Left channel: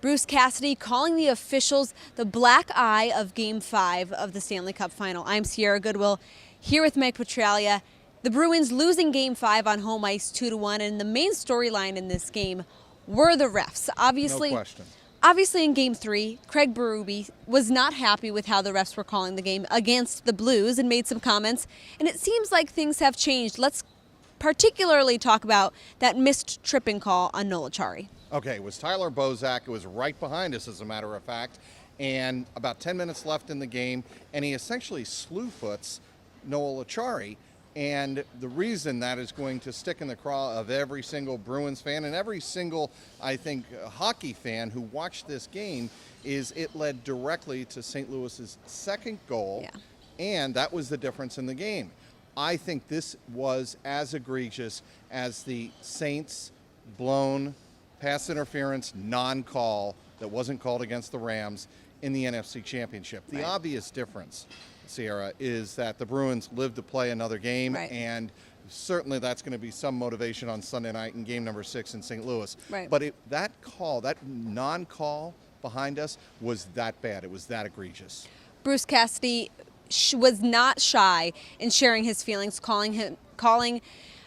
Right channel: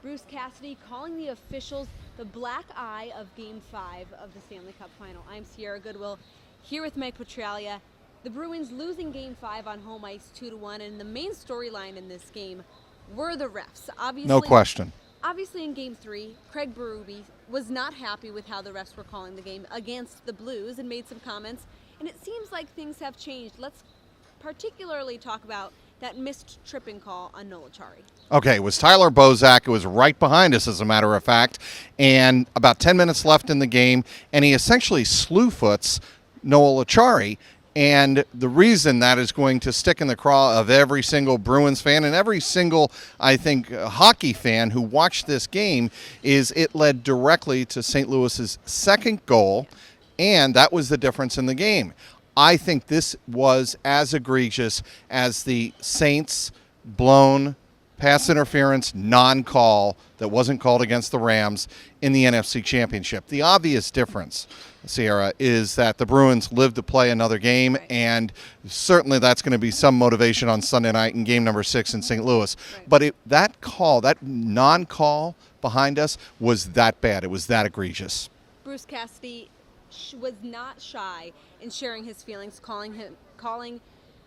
Bruce Cassidy calling the officials the black eye of Game 5 of the Stanley Cup Final. I'm Sierra Goodwill here with Mike Petraglia. The Bruins losing Game 5 on home ice 2-1, and the main storyline in this game were the refs. No question. Obviously in Game 3, Craig Berube was not happy with how the refs were calling the game against the Blues and made some comments, and it seems like things have changed. Let's particularly talk about that missed tripping call on Noel Acciari. Okay, it was Tyler Bozak. It was right behind us, as a matter of fact, and about 10 minutes left in the game, and he essentially slew-foots Noel Acciari. And the reason that is going to stick in the craw of every single Bruins fan and every single, I think, hockey fan who watched this game is it led directly to St. Louis's second goal, and that was the difference in the game. I think this was as egregious as the Saints' blown pass interference non-call that wasn't called against the Rams in the NFC Championship. The obvious difference, Sierra, is that the Bruins live to play another game, and certainly that's going to be some motivation on Sunday night in game number 6 in St. Louis. But that call, that non-call behind us was that bad. It was that egregious. Bruce Cassidy was not shy in sharing his feelings, calling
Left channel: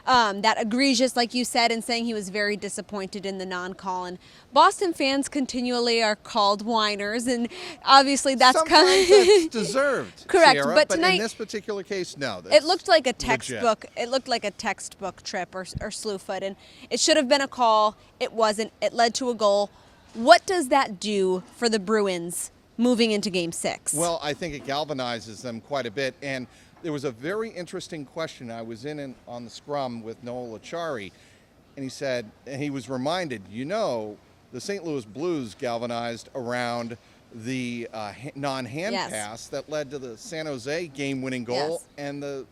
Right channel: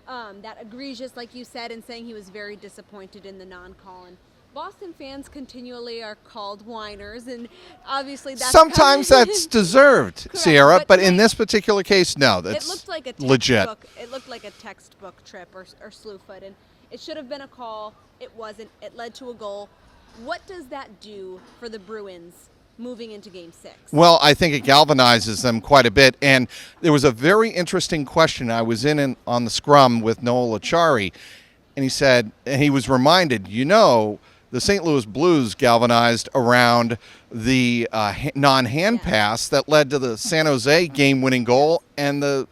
that egregious, like you said, and saying he was very disappointed in the non-call. And Boston fans continually are called whiners, and obviously that's sometimes that's deserved, correct, Sierra. But tonight, in this particular case, no. That's it looked like a textbook. Legit. It looked like a textbook trip or slew foot, and it should have been a call. It wasn't. It led to a goal. What does that do for the Bruins moving into Game 6? Well, I think it galvanizes them quite a bit. And there was a very interesting question. I was in on the scrum with Noel Acciari, and he said, and he was reminded, the St. Louis Blues galvanized around the non-hand pass that led to the San Jose game-winning goal, and the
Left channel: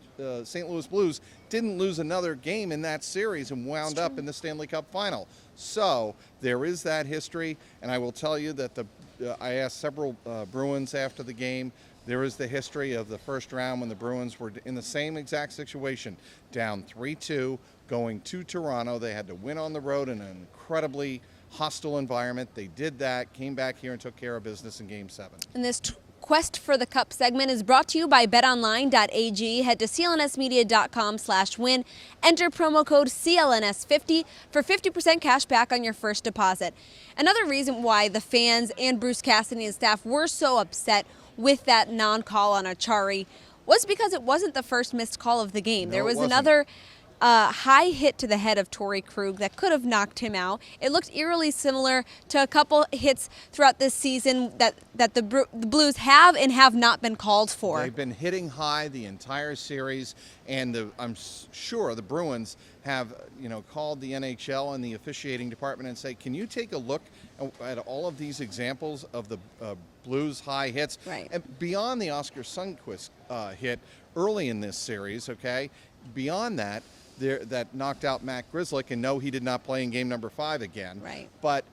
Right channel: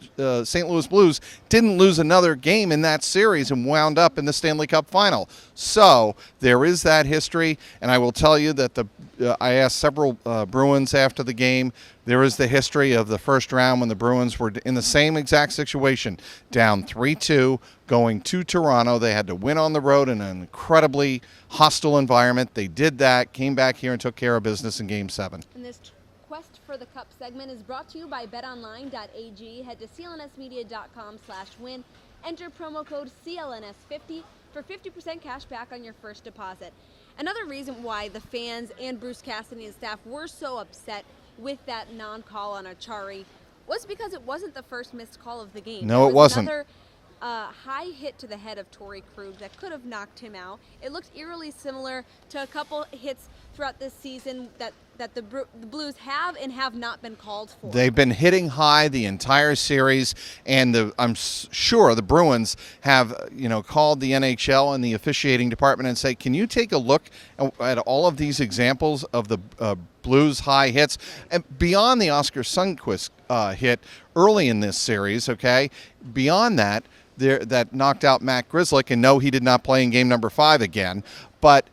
St. Louis Blues didn't lose another game in that series and wound up in the Stanley Cup Final. So there is that history, and I will tell you that I asked several Bruins after the game. There is the history of the first round when the Bruins were in the same exact situation, down 3-2, going to Toronto. They had to win on the road in an incredibly hostile environment. They did that, came back here and took care of business in Game 7. And this Quest for the Cup segment is brought to you by betonline.ag. Head to clnsmedia.com/win. Enter promo code CLNS50 for 50% cash back on your first deposit. Another reason why the fans and Bruce Cassidy and staff were so upset with that non-call on Acciari was because it wasn't the first missed call of the game. No, it wasn't. Another high hit to the head of Torrey Krug that could have knocked him out. It looked eerily similar to a couple hits throughout this season that the Blues have and have not been called for. They've been hitting high the entire series, and I'm sure the Bruins have called the NHL and the officiating department and say, can you take a look at all of these examples of the Blues high hits, and beyond the Oscar Sundqvist hit early in this series, beyond that, that knocked out Matt Grzelcyk, and no, he did not play in game number 5 again. But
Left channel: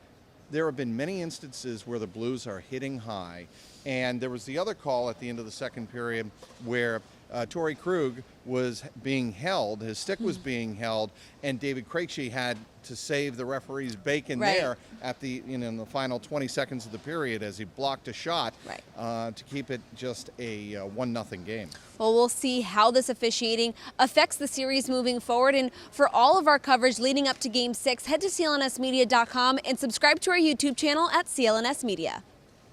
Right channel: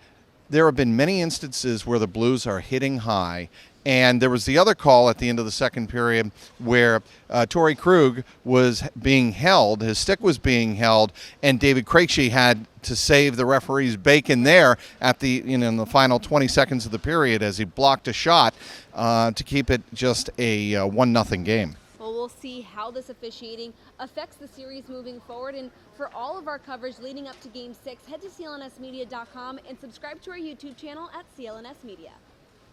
there have been many instances where the Blues are hitting high, and there was the other call at the end of the second period where Torrey Krug was being held, his stick was being held, and David Krejci had to save the referee's bacon there at the in the final 20 seconds of the period as he blocked a shot to keep it just a 1-0 game. Well, we'll see how this officiating affects the series moving forward. And for all of our coverage leading up to Game 6, head to clnsmedia.com and subscribe to our YouTube channel at CLNS Media.